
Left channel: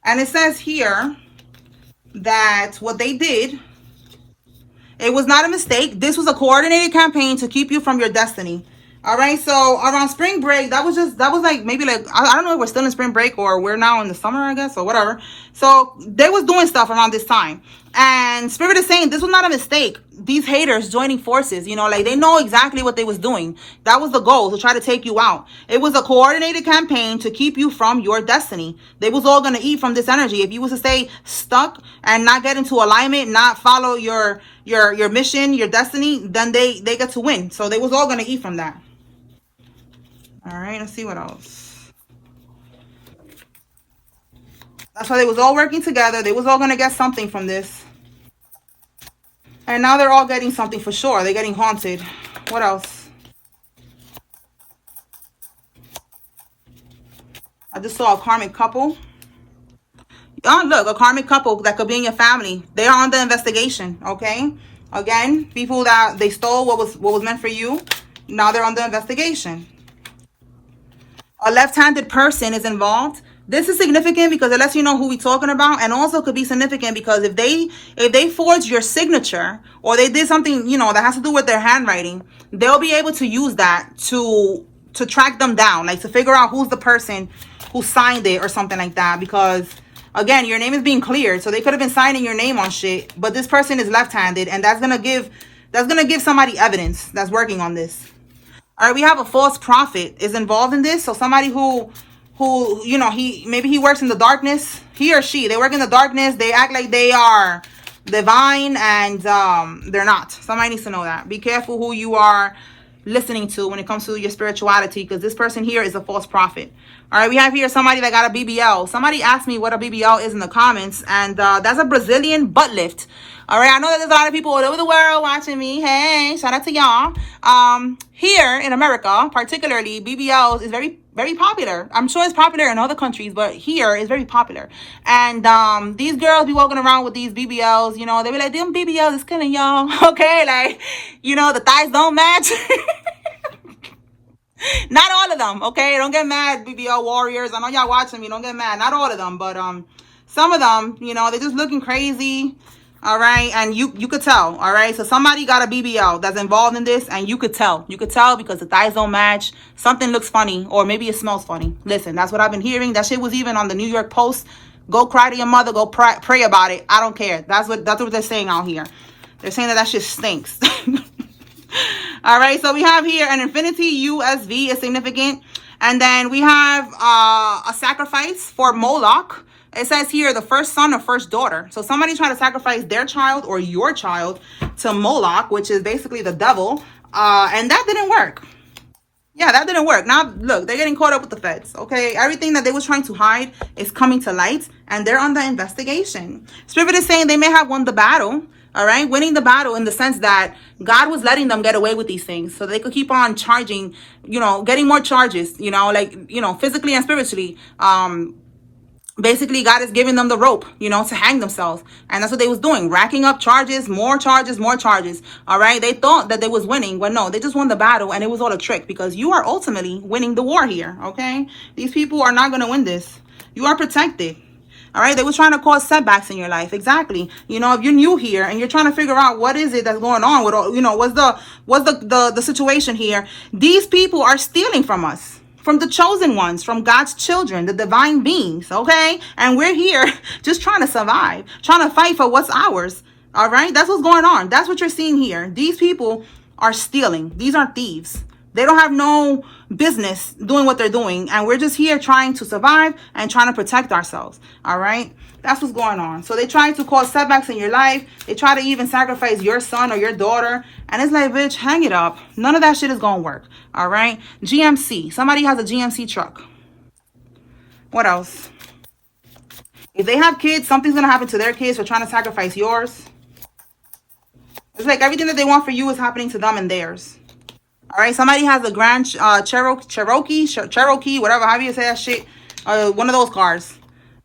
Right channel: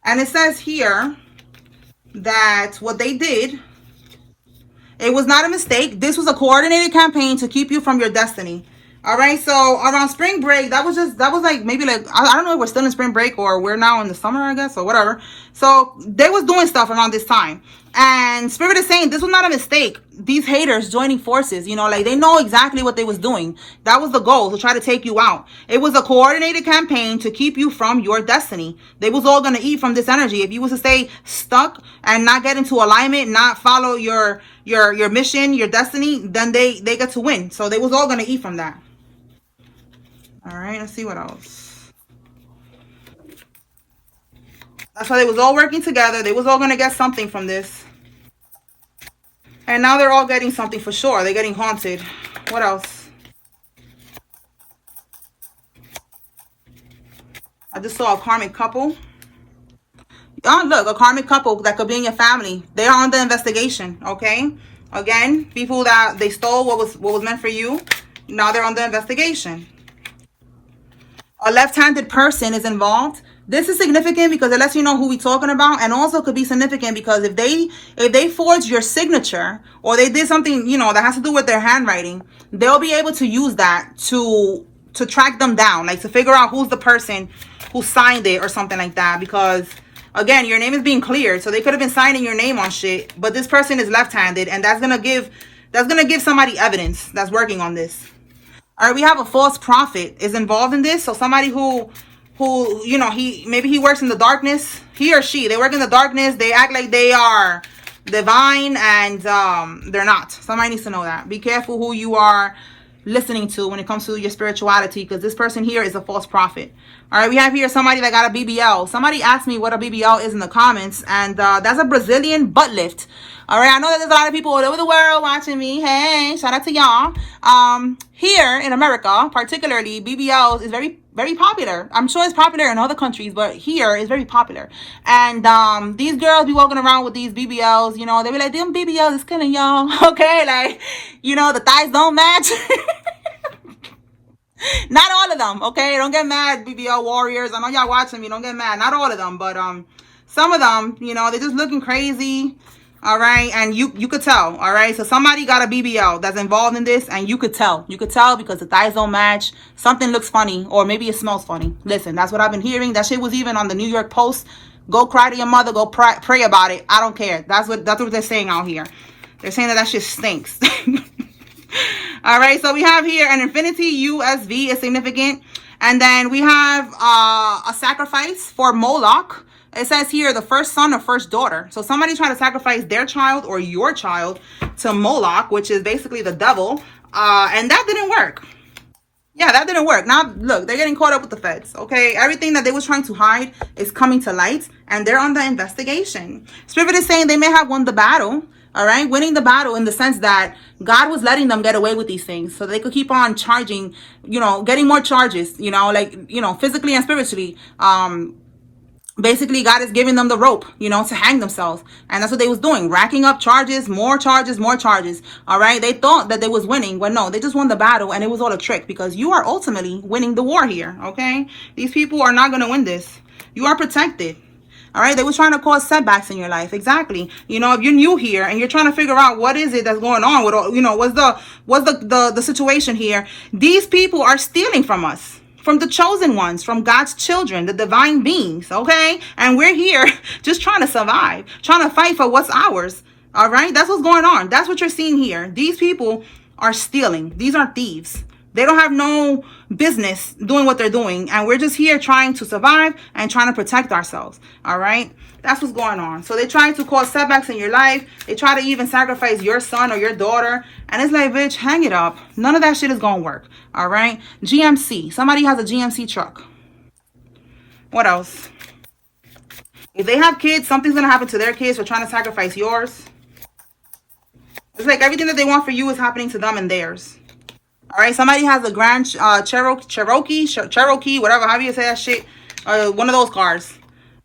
And it says here that what they did, it was not a mistake. This was a coordinated campaign to keep you from your destiny. All right, so around spring break, that was like maybe like, I don't know if we're still in spring break or we're now in the summer, I guess, or whatever. So they was doing stuff around this time. And Spirit is saying this was not a mistake. These haters joining forces, you know, like they know exactly what they was doing. That was the goal, to try to take you out. It was a coordinated campaign to keep you from your destiny. They was all going to eat from this energy. If you was to stay stuck and not get into alignment, not follow your mission, your destiny, then they get to win. So they was all going to eat from that. All right, let's see what else. That's why they was all working together. They was all going to get something from this. And now they're all getting something for sure. They're getting haunted. What else? I just saw a karmic couple. Oh, look, a karmic couple that could be in your family. They are under investigation, okay? Again, people that they stole what was meant for you. Now they're under investigation. A left-handed person is involved. This is significant because it lets you know who we're talking about, and also could be significant because if they forged your signature or they did something, you know, that has to do with their handwriting, they'll be able to use that to track them down, like to figure out who's the person who signed it or something like that. Because again, your name is being cleared, so they could have been signing your name on shit, but this person is left-handed, and that's gonna give somebody evidence that's working on this. All right, we have a false prophet is involved in this. So somebody who, you know, maybe he works in the darkness. He or she, they work in the darkness. They act like they are divine, and they're not. Somebody needs to know that. Be careful who you are listening to when it comes to your spirituality, because this person here is a false prophet. All right, we have here somebody that got a BBL. Somebody asked me what a BBL is in the comments, and that's a Brazilian butt lift. All right, I know that there's a lot of people all over the world watching me. Hey, shout out to y'all. Here in America, particularly, BBLs is very, very popular. I'm sure it's popular in other countries, but here it's very popular. And these girls be walking around with these BBLs, you know, they be like, them BBLs is killing y'all. Okay, like, you know, the thighs don't match. Not all of them, okay? Don't get mad, BBL warriors. I know y'all watching me. Don't get mad. Not all of them, but some of them, you know, they're just looking crazy. All right, and you could tell. All right, so somebody got a BBL that's involved in this, and you could tell. You could tell because the thighs don't match. Something looks funny, or maybe it smells funny. Listen, that's what I've been hearing. That shit was even on the New York Post. Go cry to your mother. Go pray about it. I don't care. That's what they're saying out here. They're saying that shit stinks. All right, so we have here an infinity USV is significant, and then we have a sacrifice for Moloch. It says here the first son or first daughter. So somebody trying to sacrifice their child or your child to Moloch, which is basically the devil, and that didn't work. Yeah, that didn't work. Now look, they're getting caught up with the feds. Okay, everything that they was trying to hide is coming to light, and they're under investigation. Spirit is saying they may have won the battle. All right, winning the battle in the sense that God was letting them get away with these things so they could keep on charging, you know, getting more charges, you know, like, you know, physically and spiritually, basically God is giving them the rope, you know, to hang themselves. And that's what they was doing, racking up charges, more charges, more charges. All right, they thought that they was winning, but no, they just won the battle, and it was all a trick, because you are ultimately winning the war here. Okay, these people are not going to win this. You are protected. All right, they was trying to cause setbacks in your life. Exactly. You know, if you're new here and you're trying to figure out what is it that's going on with, you know, what's the situation here, these people are stealing from us, from the chosen ones, from God's children, the divine beings, okay? And we're here just trying to survive, trying to fight for what's ours, all right? That's what's going on. That's what you're seeing here. These people are stealing. These are thieves. They don't have no business doing what they're doing, and we're just here trying to survive and trying to protect ourselves, all right? That's what's going on. So they try to cause setbacks in your life. They try to even sacrifice your son or your daughter. And it's like, bitch, hang it up. None of that shit is going to work. All right. GMC. Somebody has a GMC truck. What else? If they have kids, something's going to happen to their kids for trying to sacrifice yours. It's like everything that they want for you is happening to them and theirs. All right. Somebody has a Grand Cherokee, whatever, however you say that shit. One of those cars.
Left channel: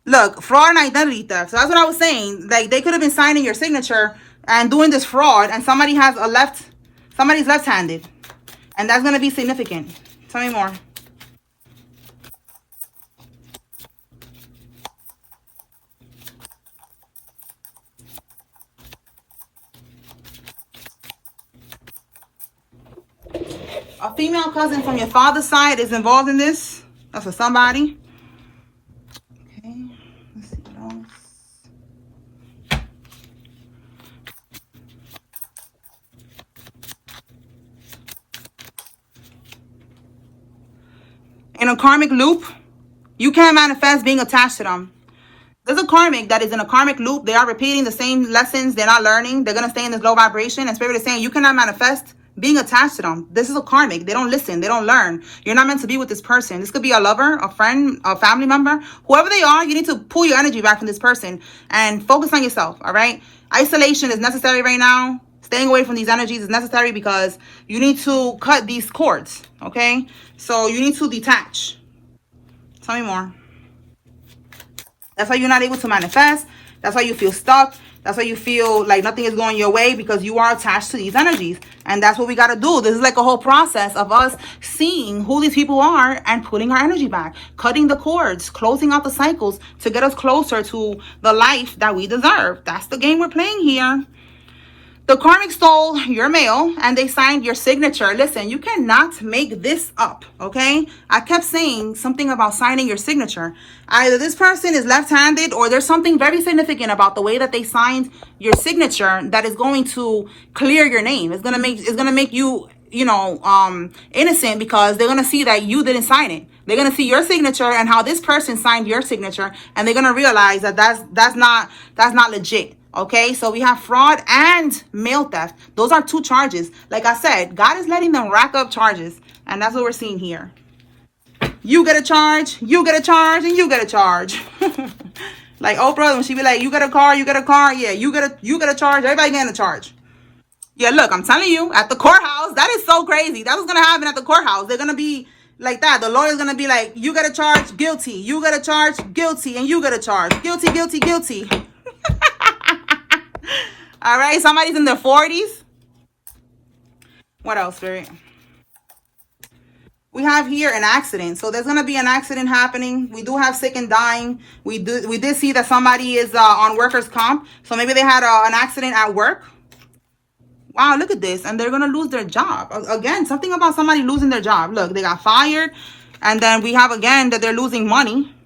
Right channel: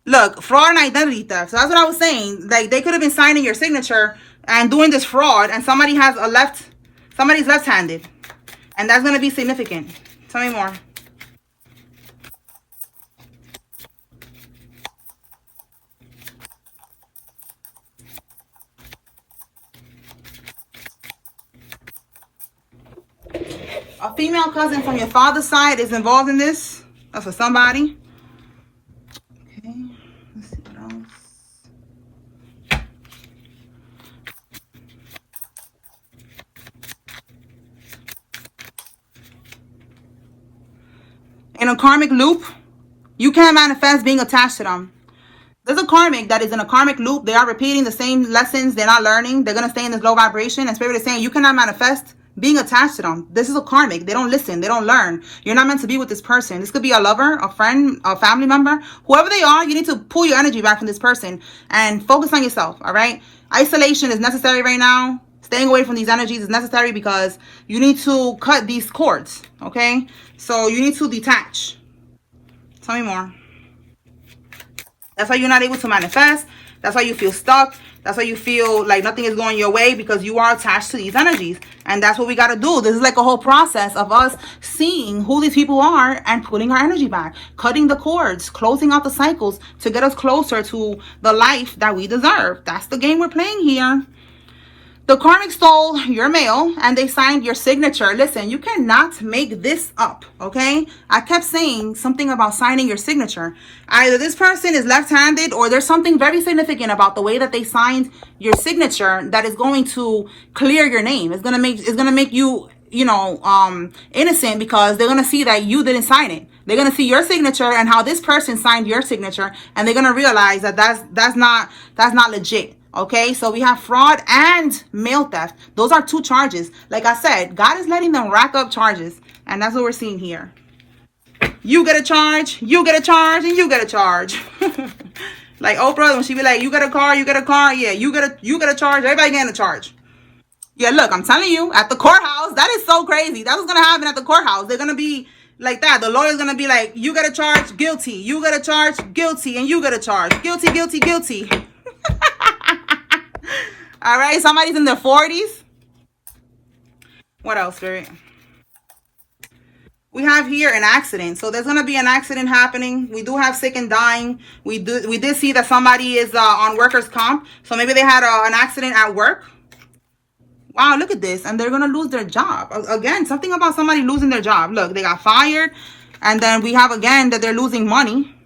Look, fraud and identity theft. So that's what I was saying. Like, they could have been signing your signature and doing this fraud, and somebody's left-handed. And that's going to be significant. Tell me more. A female cousin from your father's side is involved in this. That's for somebody. In a karmic loop, you can't manifest being attached to them. There's a karmic that is in a karmic loop. They are repeating the same lessons. They're not learning. They're going to stay in this low vibration. And Spirit is saying you cannot manifest being attached to them. This is a karmic. They don't listen. They don't learn. You're not meant to be with this person. This could be a lover, a friend, a family member. Whoever they are, you need to pull your energy back from this person and focus on yourself, all right? Isolation is necessary right now. Staying away from these energies is necessary because you need to cut these cords, okay? So you need to detach. Tell me more. That's why you're not able to manifest. That's why you feel stuck. That's why you feel like nothing is going your way, because you are attached to these energies. And that's what we got to do. This is like a whole process of us seeing who these people are and putting our energy back, cutting the cords, closing out the cycles to get us closer to the life that we deserve. That's the game we're playing here. The karmic stole your mail and they signed your signature. Listen, you cannot make this up, okay? I kept saying something about signing your signature. Either this person is left-handed or there's something very significant about the way that they signed your signature that is going to clear your name. It's gonna make you, you know, innocent, because they're gonna see that you didn't sign it. They're gonna see your signature and how this person signed your signature, and they're gonna realize that that's not legit. Okay, so we have fraud and mail theft. Those are two charges. Like I said, God is letting them rack up charges, and that's what we're seeing here. You get a charge, you get a charge, and you get a charge. Like Oprah, when she be like, you get a car, yeah, you get a charge, everybody getting a charge. Yeah, look, I'm telling you, at the courthouse, that is so crazy. That's what's gonna happen at the courthouse. They're gonna be like that. The lawyer's gonna be like, you get a charge, guilty, you get a charge, guilty, and you get a charge, guilty, guilty, guilty. All right, somebody's in their 40s. What else, Spirit? We have here an accident. So there's going to be an accident happening. We do have sick and dying. We did see that somebody is on workers' comp. So maybe they had an accident at work. Wow, look at this. And they're going to lose their job. Again, something about somebody losing their job. Look, they got fired. And then we have, again, that they're losing money.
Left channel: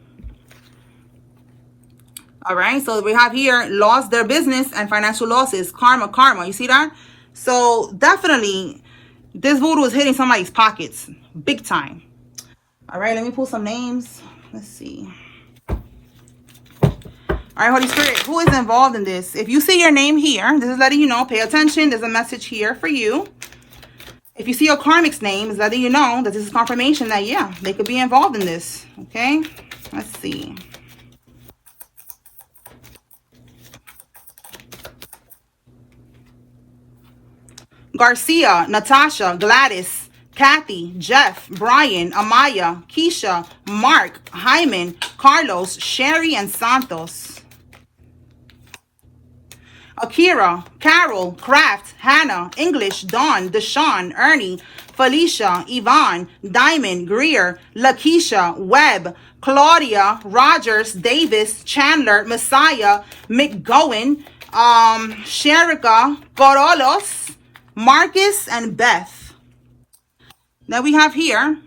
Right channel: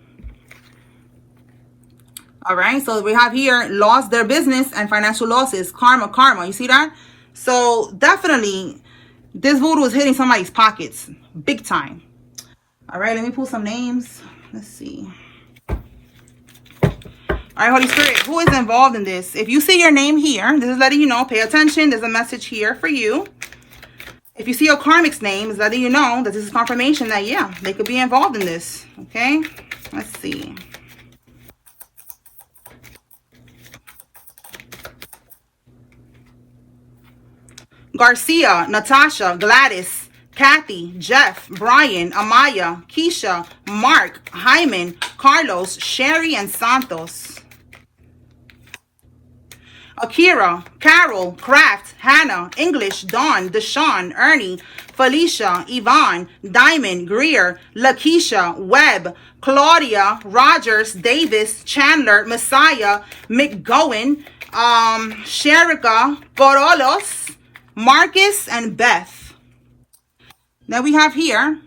All right, so we have here lost their business and financial losses. Karma. You see that? So definitely this voodoo is hitting somebody's pockets big time. All right, let me pull some names. Let's see. All right, Holy Spirit, who is involved in this? If you see your name here, this is letting you know, pay attention. There's a message here for you. If you see your karmic's name, it's letting you know that this is confirmation that, yeah, they could be involved in this. Okay, let's see. Garcia, Natasha, Gladys, Kathy, Jeff, Brian, Amaya, Keisha, Mark, Hyman, Carlos, Sherry, and Santos. Akira, Carol, Kraft, Hannah, English, Dawn, Deshawn, Ernie, Felicia, Yvonne, Diamond, Greer, Lakeisha, Webb, Claudia, Rogers, Davis, Chandler, Messiah, McGowan, Sherika, Corolos, Marcus, and Beth. Now we have here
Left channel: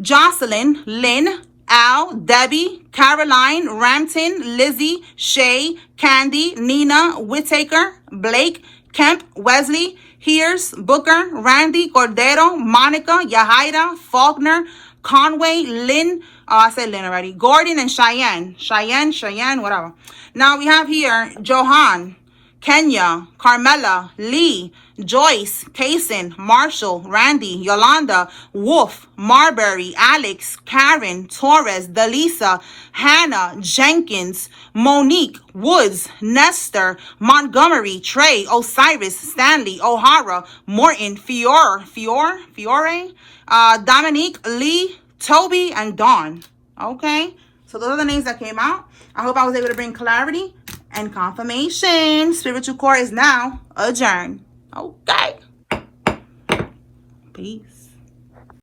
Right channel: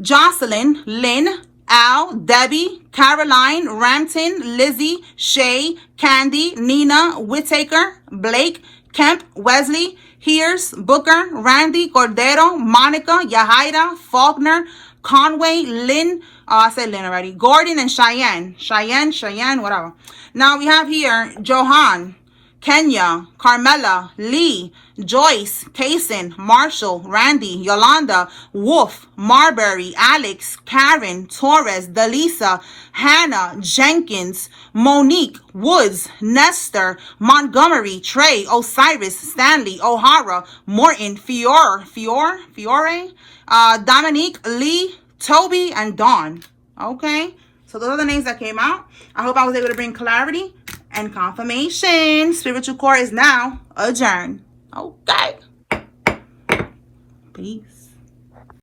Jocelyn, Lynn, Al, Debbie, Caroline, Rampton, Lizzie, Shay, Candy, Nina, Whittaker, Blake, Kemp, Wesley, Hears, Booker, Randy, Cordero, Monica, Yahaira, Faulkner, Conway, Lynn, I said Lynn already, Gordon, and Cheyenne, whatever. Now we have here Johan, Kenya, Carmela, Lee, Joyce, Payson, Marshall, Randy, Yolanda, Wolf, Marbury, Alex, Karen, Torres, Delisa, Hannah, Jenkins, Monique, Woods, Nestor, Montgomery, Trey, Osiris, Stanley, O'Hara, Morton, Fiore, Dominique, Lee, Toby, and Dawn. Okay, so those are the names that came out. I hope I was able to bring clarity and confirmation. Spiritual core is now adjourned. Okay. Peace.